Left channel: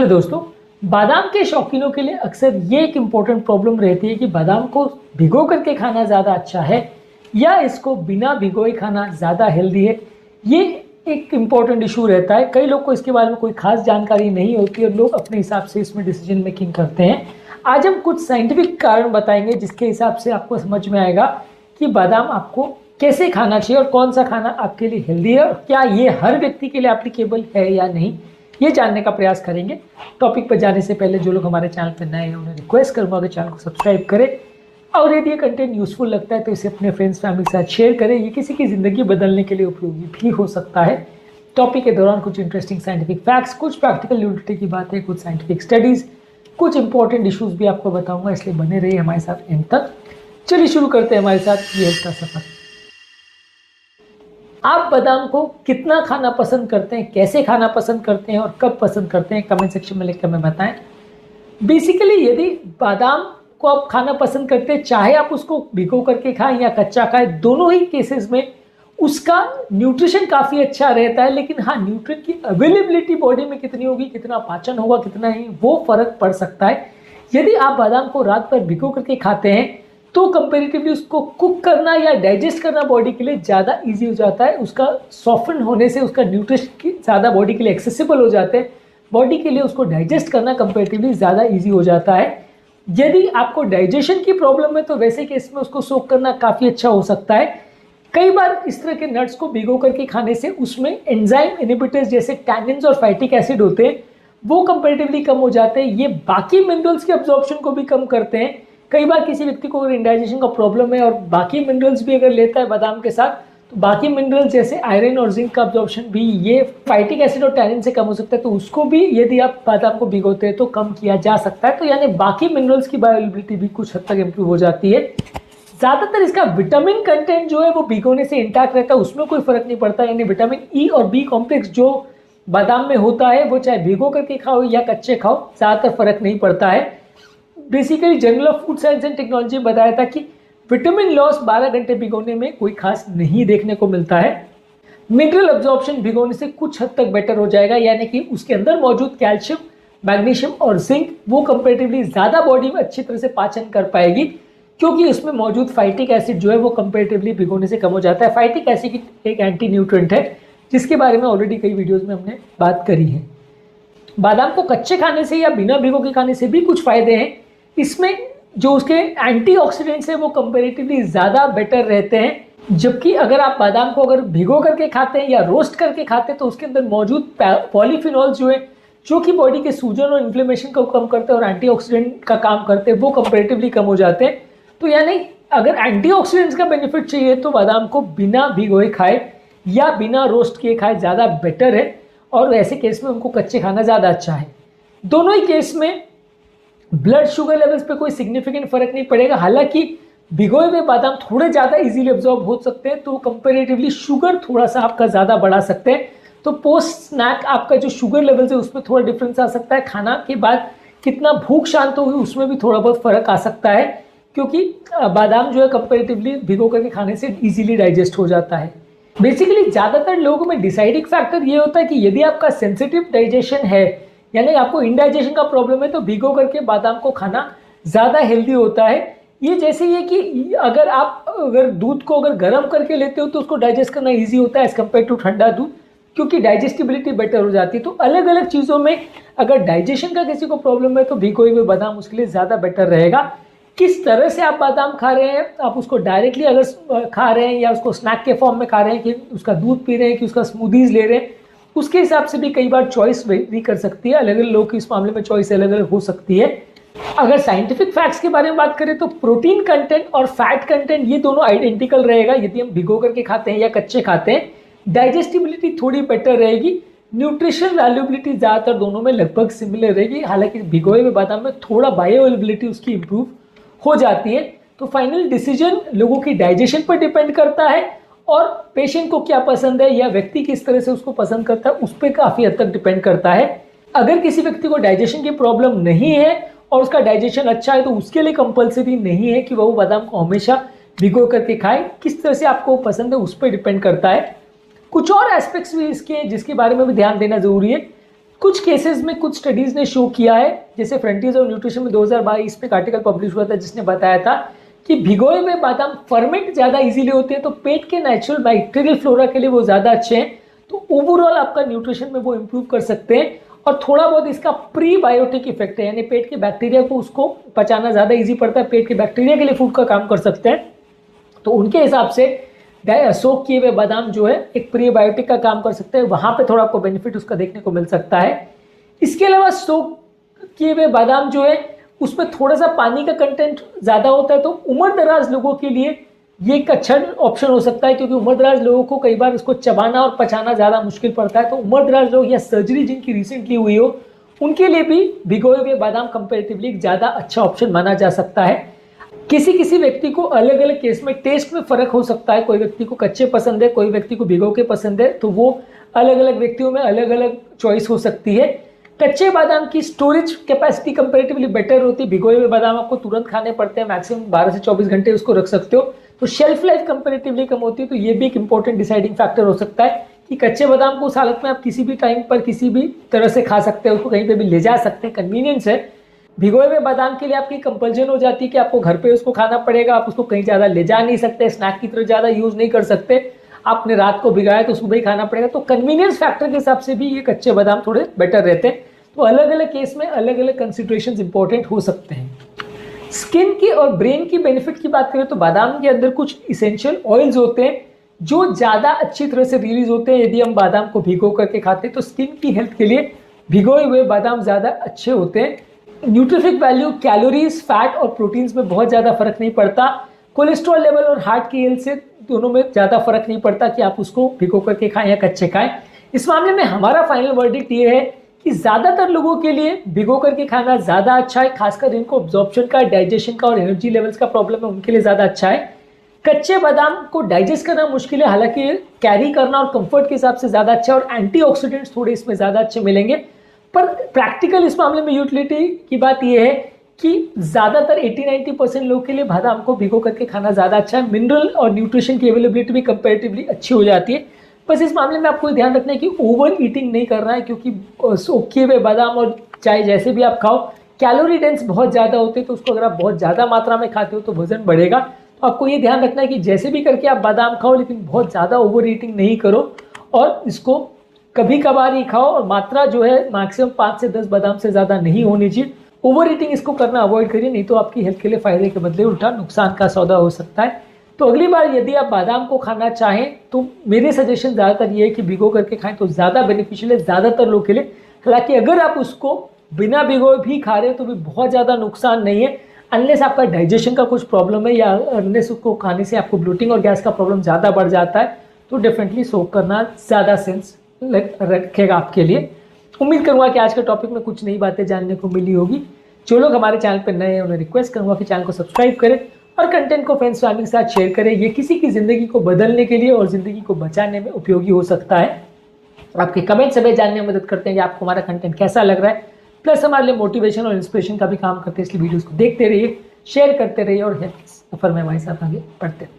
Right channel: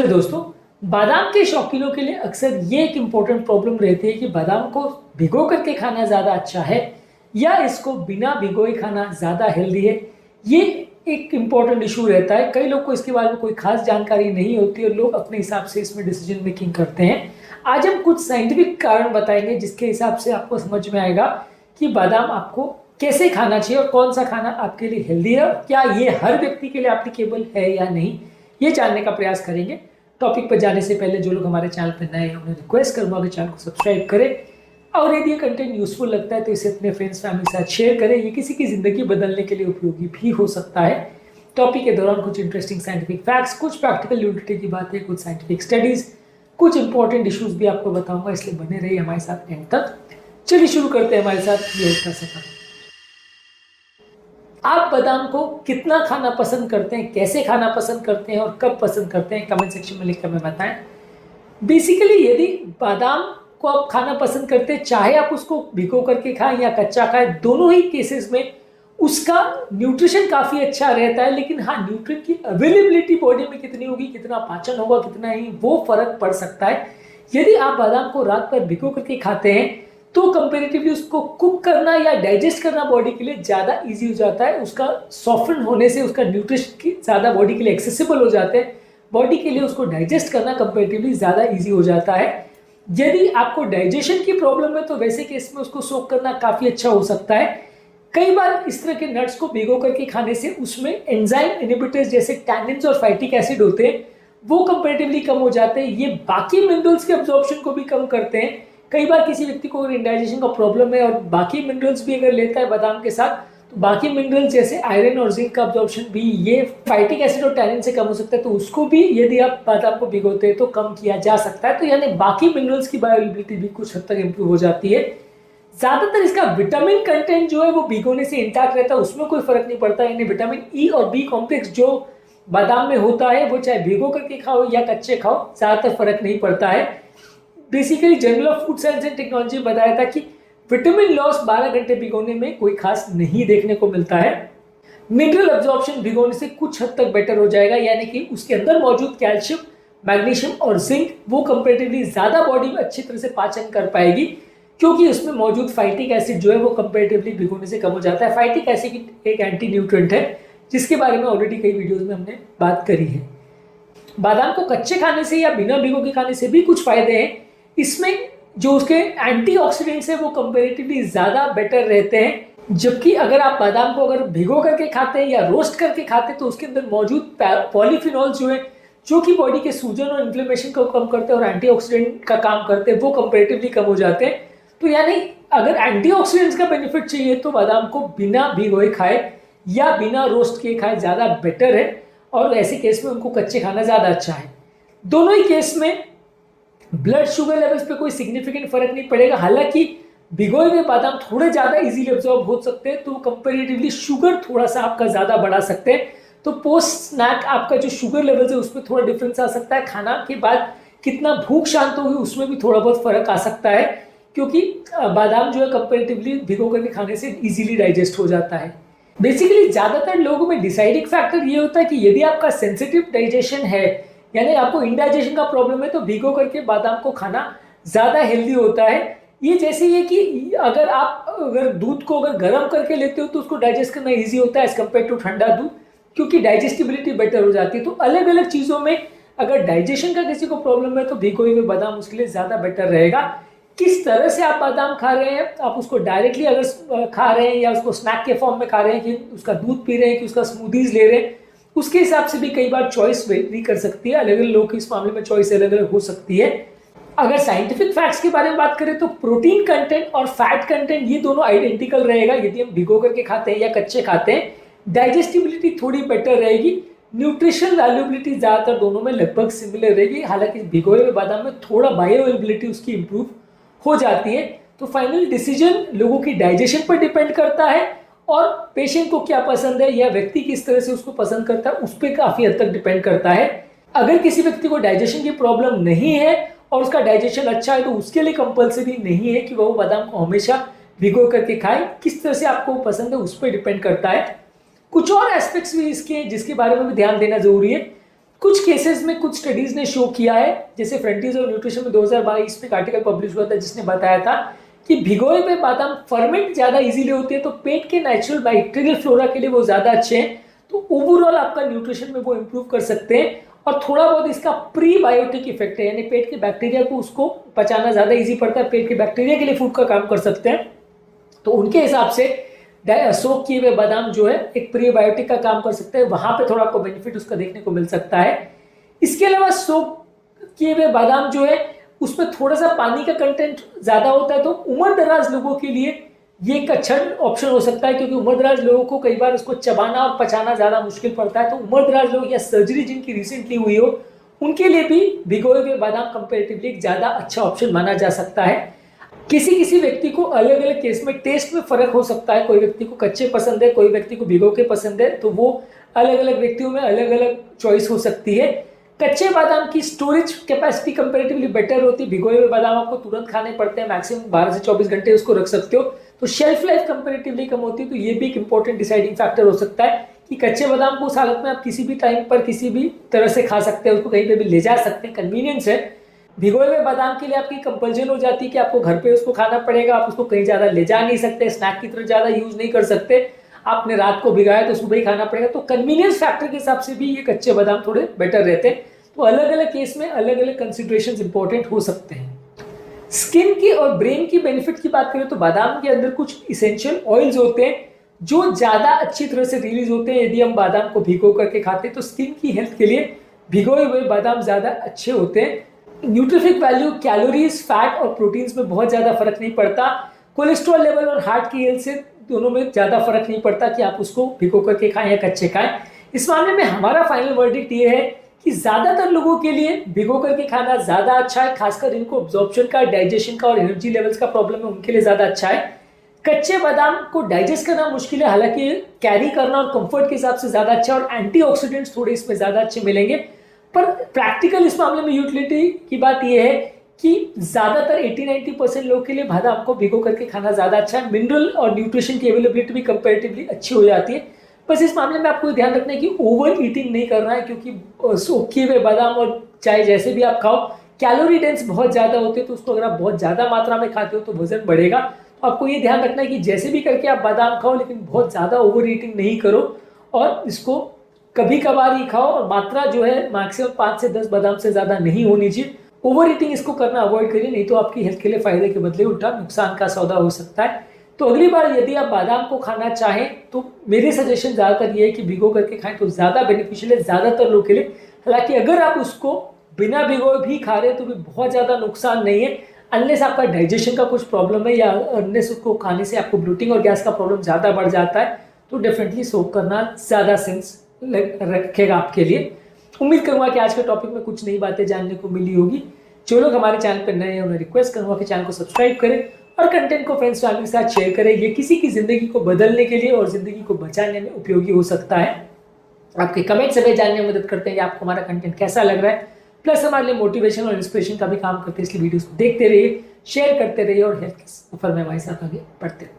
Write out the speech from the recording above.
नमस्कार दोस्तों। बादाम के शौकीनों के लिए अक्सर ये एक इम्पोर्टेंट प्रॉब्लम रहती है कि बादाम को भिगो करके खाना ज़्यादा अच्छा है या इसको बिना भिगोए खाना ज़्यादा हेल्दी है। ये एक इम्पोर्टेंट इशू रहता है। कई लोग को इसके बारे में कोई खास जानकारी नहीं होती और लोग अपने हिसाब से इसमें डिसीजन मेकिंग करते हैं। आज हम कुछ साइंटिफिक कारण बताएंगे जिसके हिसाब से आपको समझ में आएगा कि बादाम आपको कैसे खाना चाहिए और कौन सा खाना आपके लिए हेल्दी है और क्या ये हर व्यक्ति के लिए एप्लीकेबल है या नहीं, ये जानने का प्रयास करेंगे। टॉपिक पर जाने से पहले जो लोग हमारे चैनल पर नए हैं उन्हें रिक्वेस्ट करूंगा कि चैनल को सब्सक्राइब करें और यदि ये कंटेंट यूजफुल लगता है तो इसे अपने फ्रेंड्स फैमिली के साथ शेयर करें। ये किसी की ज़िंदगी बदलने के लिए उपयोगी भी हो सकता है। टॉपिक के दौरान कुछ इंटरेस्टिंग साइंटिफिक फैक्ट्स, कुछ प्रैक्टिकल यूटिलिटी की बातें, कुछ साइंटिफिक स्टडीज़, कुछ इंपॉर्टेंट इशूज़ भी आपको बताऊंगा, इसलिए बने रहिए हमारे साथ एंड तक। चलिए शुरू करते हैं हमारे साथ ये का सफर। आप बादाम को कितना खाना पसंद करते हैं, कैसे खाना पसंद करते हैं और कब पसंद करते हैं, कमेंट सेक्शन में लिखकर हमें बताएं। बेसिकली यदि बादाम को आप खाना पसंद करते हैं, चाहे आप उसको भिगो करके खाएं या कच्चा खाएं, दोनों ही केसेस में उसका न्यूट्रिशन काफ़ी अच्छा रहता है। लेकिन हाँ, न्यूट्रिएंट की अवेलेबिलिटी बॉडी में कितनी होगी, कितना पाचन होगा, कितना नहीं, वो फर्क पड़ सकता है। यदि आप बादाम को रात भर भिगो करके खाते हैं तो कंपेरेटिवली उसको कुक करना या डाइजेस्ट करना बॉडी के लिए ज़्यादा इजी हो जाता है। उसका सॉफ्टन होने से उसका न्यूट्रिशन ज़्यादा बॉडी के लिए एक्सेसिबल हो जाते हैं। बॉडी के लिए उसको डाइजेस्ट करना कंपेरेटिवली ज़्यादा इजी हो जाता है। यदि आपको डाइजेशन की प्रॉब्लम है तो वैसे केस में उसको सोक करना काफ़ी अच्छा हो सकता है। कई बार इस तरह के नट्स को भिगो करके खाने से उसमें एंजाइम इनहिबिटर्स जैसे टैनिन्स और फैटिक एसिड होते हैं, वो कंपेरेटिवली कम हो जाते हैं। ये बाकी मिनरल्स के अब्जॉर्प्शन को भी कम करते हैं। कई बार किसी व्यक्ति को अगर इंडाइजेशन का प्रॉब्लम है और बाकी मिनरल्स भी अगर लेता है बादाम के साथ, तो बाकी मिनरल्स जैसे आयरन और जिंक का अब्जॉर्प्शन भी ये फाइटिक एसिड और टैनिन से कम हो सकता है। तो उसको भी यदि आप बादाम को भिगोते हैं तो कम किया जा सकता है। तो यानी बाकी मिनरल्स की बायोअवेलेबिलिटी भी कुछ हद तक इंप्रूव हो जाती है। ज़्यादातर इसका विटामिन कंटेंट जो है वो भिगोने से इंटैक्ट रहता है, उसमें कोई फर्क नहीं पड़ता। यानी विटामिन ई और बी कॉम्प्लेक्स जो बादाम में होता है वो चाहे भिगो करके खाओ या कच्चे खाओ, ज़्यादातर फर्क नहीं पड़ता है। Basically journal of food science and technology बताया था कि विटामिन लॉस 12 घंटे भिगोने में कोई खास नहीं देखने को मिलता है। मिनरल अब्जॉर्प्शन भिगोने से कुछ हद तक बेटर हो जाएगा, यानी कि उसके अंदर मौजूद कैल्शियम, मैग्नीशियम और जिंक वो कंपेरेटिवली ज़्यादा बॉडी में अच्छी तरह से पाचन कर पाएगी, क्योंकि इसमें मौजूद फाइटिक एसिड जो है वो कंपेरेटिवली भिगोने से कम हो जाता है। फाइटिक एसिड एक एंटी न्यूट्रिएंट है जिसके बारे में ऑलरेडी कई वीडियोज़ में हमने बात करी है। बादाम को कच्चे खाने से या बिना भिगो के खाने से भी कुछ फायदे हैं। इसमें जो उसके एंटीऑक्सीडेंट्स हैं वो कंपैरेटिवली ज़्यादा बेटर रहते हैं। जबकि अगर आप बादाम को अगर भिगो करके खाते हैं या रोस्ट करके खाते हैं तो उसके अंदर मौजूद पॉलीफिनॉल्स जो है, जो कि बॉडी के सूजन और इन्फ्लेमेशन को कम करते हैं और एंटीऑक्सीडेंट का काम करते हैं, वो कंपैरेटिवली कम हो जाते हैं। तो यानी अगर एंटीऑक्सीडेंट्स का बेनिफिट चाहिए तो बादाम को बिना भिगोए खाए या बिना रोस्ट किए खाए ज़्यादा बेटर है, और ऐसे केस में उनको कच्चे खाना ज़्यादा अच्छा है। दोनों ही केस में ब्लड शुगर लेवल्स पे कोई सिग्निफिकेंट फर्क नहीं पड़ेगा। हालांकि भिगोए हुए बादाम थोड़े ज़्यादा इजीली अब्जॉर्ब हो सकते हैं, तो कंपैरेटिवली शुगर थोड़ा सा आपका ज़्यादा बढ़ा सकते हैं। तो पोस्ट स्नैक आपका जो शुगर लेवल्स है उसमें थोड़ा डिफरेंस आ सकता है। खाना के बाद कितना भूख शांत होगी उसमें भी थोड़ा बहुत फर्क आ सकता है, क्योंकि बादाम जो है कंपैरेटिवली भिगो करके खाने से इजीली डाइजेस्ट हो जाता है। बेसिकली ज़्यादातर लोगों में डिसाइडिंग फैक्टर ये होता है कि यदि आपका सेंसिटिव डाइजेशन है, यानी आपको इंडाइजेशन का प्रॉब्लम है, तो भिगो करके बादाम को खाना ज़्यादा हेल्दी होता है। ये जैसे ये कि अगर दूध को अगर गर्म करके लेते हो तो उसको डाइजेस्ट करना इजी होता है एज कम्पेयर टू ठंडा दूध, क्योंकि डाइजेस्टिबिलिटी बेटर हो जाती है। तो अलग अलग चीज़ों में अगर डाइजेशन का किसी को प्रॉब्लम है तो भिगोए हुए बादाम उसके लिए ज़्यादा बेटर रहेगा। किस तरह से आप बादाम खा रहे हैं, आप उसको डायरेक्टली अगर खा रहे हैं या उसको स्नैक के फॉर्म में खा रहे हैं, कि उसका दूध पी रहे हैं, कि उसका स्मूदीज ले रहे हैं, उसके हिसाब से भी कई बार चॉइस वेरी कर सकती है। अलग अलग लोगों की इस मामले में चॉइस अलग अलग हो सकती है। अगर साइंटिफिक फैक्ट्स के बारे में बात करें तो प्रोटीन कंटेंट और फैट कंटेंट ये दोनों आइडेंटिकल रहेगा यदि हम भिगो करके खाते हैं या कच्चे खाते हैं। डाइजेस्टिबिलिटी थोड़ी बेटर रहेगी, न्यूट्रिशन वैल्यूबिलिटी ज़्यादातर दोनों में लगभग सिमिलर रहेगी। हालांकि भिगोए हुए बादाम में थोड़ा बायोअवेलेबिलिटी उसकी इंप्रूव हो जाती है। तो फाइनल डिसीजन लोगों की डाइजेशन पर डिपेंड करता है और पेशेंट को क्या पसंद है या व्यक्ति किस तरह से उसको पसंद करता है उस पर काफ़ी हद तक डिपेंड करता है। अगर किसी व्यक्ति को डाइजेशन की प्रॉब्लम नहीं है और उसका डाइजेशन अच्छा है तो उसके लिए कंपल्सरी नहीं है कि वह बादाम को हमेशा भिगो करके खाए। किस तरह से आपको पसंद है उस पर डिपेंड करता है। कुछ और एस्पेक्ट्स भी इसके जिसके बारे में भी ध्यान देना जरूरी है। कुछ केसेस में कुछ स्टडीज ने शो किया है, जैसे फ्रंटियर्स ऑफ न्यूट्रिशन में 2022 में एक आर्टिकल पब्लिश हुआ था जिसने बताया था कि भिगोए हुए बादाम फर्मेंट ज्यादा इजीली होते हैं, तो पेट के नेचुरल बैक्टीरियल फ्लोरा के लिए वो ज्यादा अच्छे हैं, तो ओवरऑल आपका न्यूट्रिशन में वो इंप्रूव कर सकते हैं। और थोड़ा बहुत इसका प्रीबायोटिक इफेक्ट है, यानी पेट के बैक्टीरिया को उसको पचाना ज्यादा इजी पड़ता है, पेट के बैक्टीरिया के लिए फूड का काम कर सकते हैं। तो उनके हिसाब से सोक किए हुए बादाम जो है एक प्रीबायोटिक का काम कर सकते हैं, वहां पे थोड़ा आपको बेनिफिट उसका देखने को मिल सकता है। इसके अलावा सोक किए हुए बादाम जो है उसमें थोड़ा सा पानी का कंटेंट ज्यादा होता है, तो उम्र दराज लोगों के लिए ये एक अच्छा ऑप्शन हो सकता है, क्योंकि उम्र दराज लोगों को कई बार इसको चबाना और पचाना ज्यादा मुश्किल पड़ता है। तो उम्र दराज लोग या सर्जरी जिनकी रिसेंटली हुई हो उनके लिए भी भिगोए हुए बादाम कंपेरेटिवली ज्यादा अच्छा ऑप्शन माना जा सकता है। किसी किसी व्यक्ति को अलग अलग केस में टेस्ट में फर्क हो सकता है, कोई व्यक्ति को कच्चे पसंद है, कोई व्यक्ति को भिगो के पसंद है, तो वो अलग अलग व्यक्तियों में अलग अलग चॉइस हो सकती है। कच्चे बादाम की स्टोरेज कैपेसिटी कंपैरेटिवली बेटर होती है, भिगोए हुए बादाम आपको तुरंत खाने पड़ते हैं, मैक्सिमम 12 से 24 घंटे उसको रख सकते हो, तो शेल्फ लाइफ कंपैरेटिवली कम होती है। तो ये भी एक इंपॉर्टेंट डिसाइडिंग फैक्टर हो सकता है कि कच्चे बादाम को उस हालत में आप किसी भी टाइम पर किसी भी तरह से खा सकते हैं, उसको कहीं पे भी ले जा सकते हैं, कन्वीनियंस है। भिगोए हुए बादाम के लिए आपकी कंपल्जन हो जाती है कि आपको घर पे उसको खाना पड़ेगा, आप उसको कहीं ज्यादा ले जा नहीं सकते, स्नैक की तरह ज्यादा यूज नहीं कर सकते, आपने रात को भिगाया तो सुबह ही खाना पड़ेगा, तो कन्वीनियंस फैक्टर के हिसाब से भी ये कच्चे बादाम थोड़े बेटर रहते हैं। तो अलग अलग केस में अलग अलग कंसिडरेशंस इंपॉर्टेंट हो सकते हैं। स्किन की और ब्रेन की बेनिफिट की बात करें तो बादाम के अंदर कुछ इसेंशियल ऑयल्स होते हैं जो ज्यादा अच्छी तरह से रिलीज होते हैं यदि हम बादाम को भिगो करके खाते हैं, तो स्किन की हेल्थ के लिए भिगोए हुए बादाम ज्यादा अच्छे होते हैं। न्यूट्रिफिक वैल्यू, कैलोरीज, फैट और प्रोटीन्स में बहुत ज्यादा फर्क नहीं पड़ता। कोलेस्ट्रॉल लेवल और हार्ट की हेल्थ से दोनों में ज्यादा फर्क नहीं पड़ता कि आप उसको भिगो करके खाएं या कच्चे खाएं। इस मामले में हमारा फाइनल वर्डिक्ट ये है कि ज्यादातर लोगों के लिए भिगो करके खाना ज्यादा अच्छा है, खासकर इनको अब्जॉर्प्शन का, डाइजेशन का और एनर्जी लेवल्स का प्रॉब्लम है उनके लिए ज्यादा अच्छा है। कच्चे बादाम को डाइजेस्ट करना मुश्किल है, हालांकि कैरी करना और कंफर्ट के हिसाब से ज्यादा अच्छा, और एंटीऑक्सीडेंट्स थोड़े इसमें ज्यादा अच्छे मिलेंगे। पर प्रैक्टिकल इस मामले में यूटिलिटी की बात यह है कि ज्यादातर 80-90% लोग के लिए बादाम को भिगो करके खाना ज्यादा अच्छा है। मिनरल और न्यूट्रिशन की अवेलेबिलिटी भी कंपैरेटिवली अच्छी हो जाती है। बस इस मामले में आपको ध्यान रखना है कि ओवर ईटिंग नहीं करना है, क्योंकि सूखे हुए बादाम और चाहे जैसे भी आप खाओ कैलोरी डेंस बहुत ज्यादा होते हैं, तो उसको अगर आप बहुत ज्यादा मात्रा में खाते हो तो वजन बढ़ेगा। तो आपको ये ध्यान रखना है कि जैसे भी करके आप बादाम खाओ, लेकिन बहुत ज्यादा ओवर ईटिंग नहीं करो, और इसको कभी कभार ही खाओ, और मात्रा जो है मैक्सिमम 5 से 10 बादाम से ज्यादा नहीं होनी चाहिए। ओवर ईटिंग इसको करना अवॉइड करिए, नहीं तो आपकी हेल्थ के लिए फायदे के बदले उल्टा नुकसान का सौदा हो सकता है। तो अगली बार यदि आप बादाम को खाना चाहें तो मेरे सजेशन ज्यादातर ये है कि भिगो करके खाएं तो ज्यादा बेनिफिशियल है ज्यादातर लोग के लिए। हालांकि अगर आप उसको बिना भिगोए भी खा रहे हैं तो भी बहुत ज्यादा नुकसान नहीं है, अनलेस आपका डाइजेशन का कुछ प्रॉब्लम है, या अनलेस उसको खाने से आपको ब्लोटिंग और गैस का प्रॉब्लम ज्यादा बढ़ जाता है, तो डेफिनेटली सोक करना ज्यादा सेंस रखेगा आपके लिए। उम्मीद करूंगा कि आज के टॉपिक में कुछ नई बातें जानने को मिली होगी। जो लोग हमारे चैनल पर नए हैं उन्हें रिक्वेस्ट करूंगा कि चैनल को सब्सक्राइब करें और कंटेंट को फ्रेंड्स फैमिली के साथ शेयर करें। ये किसी की जिंदगी को बदलने के लिए और जिंदगी को बचाने में उपयोगी हो सकता है। आपके कमेंट्स हमें जानने में मदद करते हैं कि आपको हमारा कंटेंट कैसा लग रहा है, प्लस हमारे लिए मोटिवेशन और इंस्पिरेशन का भी काम करते हैं। इसलिए वीडियोस को देखते रहिए, शेयर करते रहिए और हेल्थ के सफर में हमारे साथ आगे बढ़ते रहिए।